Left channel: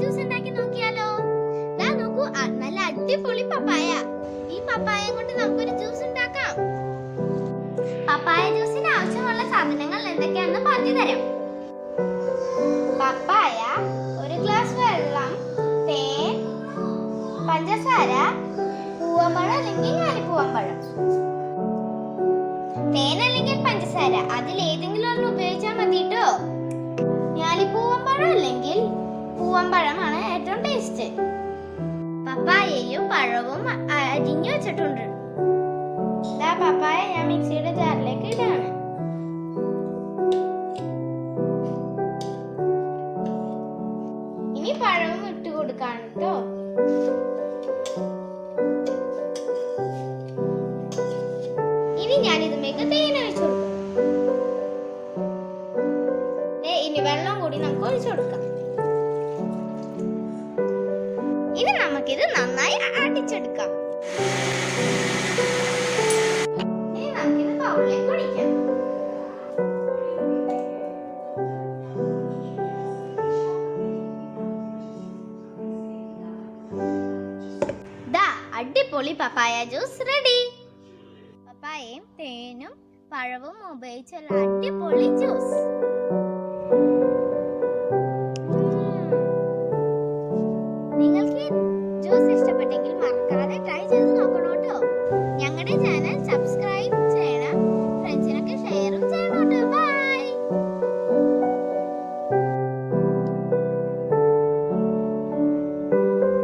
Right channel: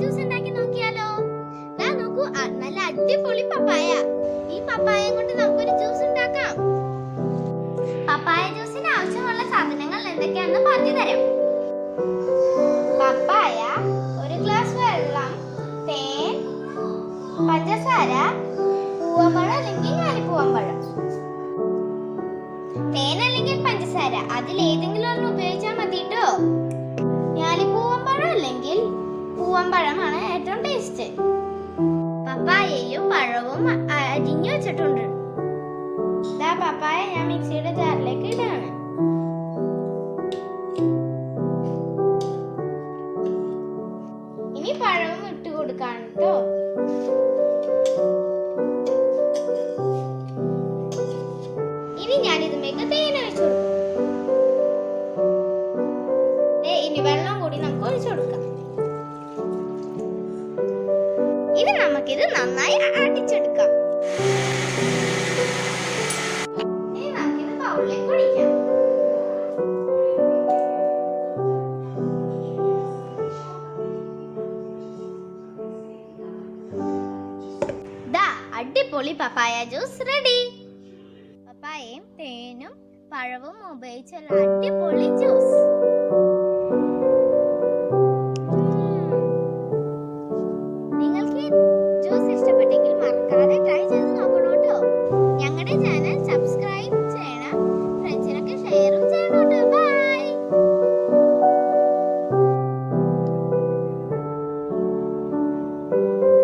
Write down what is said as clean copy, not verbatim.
Juice ഉണ്ടാക്കി നോക്കിയാലോ? ദാ നോക്കൂ, നല്ല അടിപൊളി പപ്പായ. ഈ പപ്പായ കൊണ്ട് നമുക്കൊരു ജ്യൂസ് ഉണ്ടാക്കാം. പപ്പായ ജ്യൂസിന് ആവശ്യമുള്ള സാധനങ്ങൾ എന്തൊക്കെയാണെന്ന് പറഞ്ഞു തരാം. പപ്പായ, ഒരു ഗ്ലാസ് വെള്ളം, തേൻ, പഞ്ചസാര, പൂവമ്പഴം അല്ലെങ്കിൽ ഞാലിപ്പൂവമ്പഴം. തേൻ അല്ലെങ്കിൽ പഞ്ചസാര അതിലേതെങ്കിലും ഒന്ന് ഉപയോഗിച്ചാൽ മതി കേട്ടോ. ഞാലിപ്പൂവമ്പഴം അല്ലെങ്കിൽ പൂവമ്പഴമാണ് ഏറ്റവും ടേസ്റ്റ്. പപ്പായയും പഴവും അരിഞ്ഞു വെച്ചിട്ടുണ്ട്. ഇതാ പപ്പായ ഞാൻ മിക്സിയുടെ ജാറിലേക്ക് ഇടാണ്. ഇനി പഴവും ഇട്ട് കൊടുക്കാണ് കേട്ടോ. ഇനി ഞാൻ ഇതിലേക്ക് തേൻ ഒഴിച്ചു കൊടുക്കും. ഇനി വെള്ളം കൂടി നമുക്ക് ഒഴിച്ചു കൊടുക്കാം. ഇനി നമുക്കിത് നന്നായി അടിച്ചെടുക്കാം. ഇനി നമുക്കിത് ബൗളിലേക്ക് ഒഴിക്കാം. ദാ അടിപൊളി പപ്പായ ജ്യൂസ് റെഡി. പപ്പായയും തേനും പഴവും ഉപയോഗിച്ചുള്ള അടിപൊളി ജ്യൂസ്. നിങ്ങൾക്ക് ജ്യൂസ് ഇഷ്ടപ്പെട്ടെങ്കിൽ മറക്കാതെ ട്രൈ ചെയ്ത് നോക്കണം കേട്ടോ. ഞങ്ങളുടെ ചാനൽ സബ്സ്ക്രൈബ്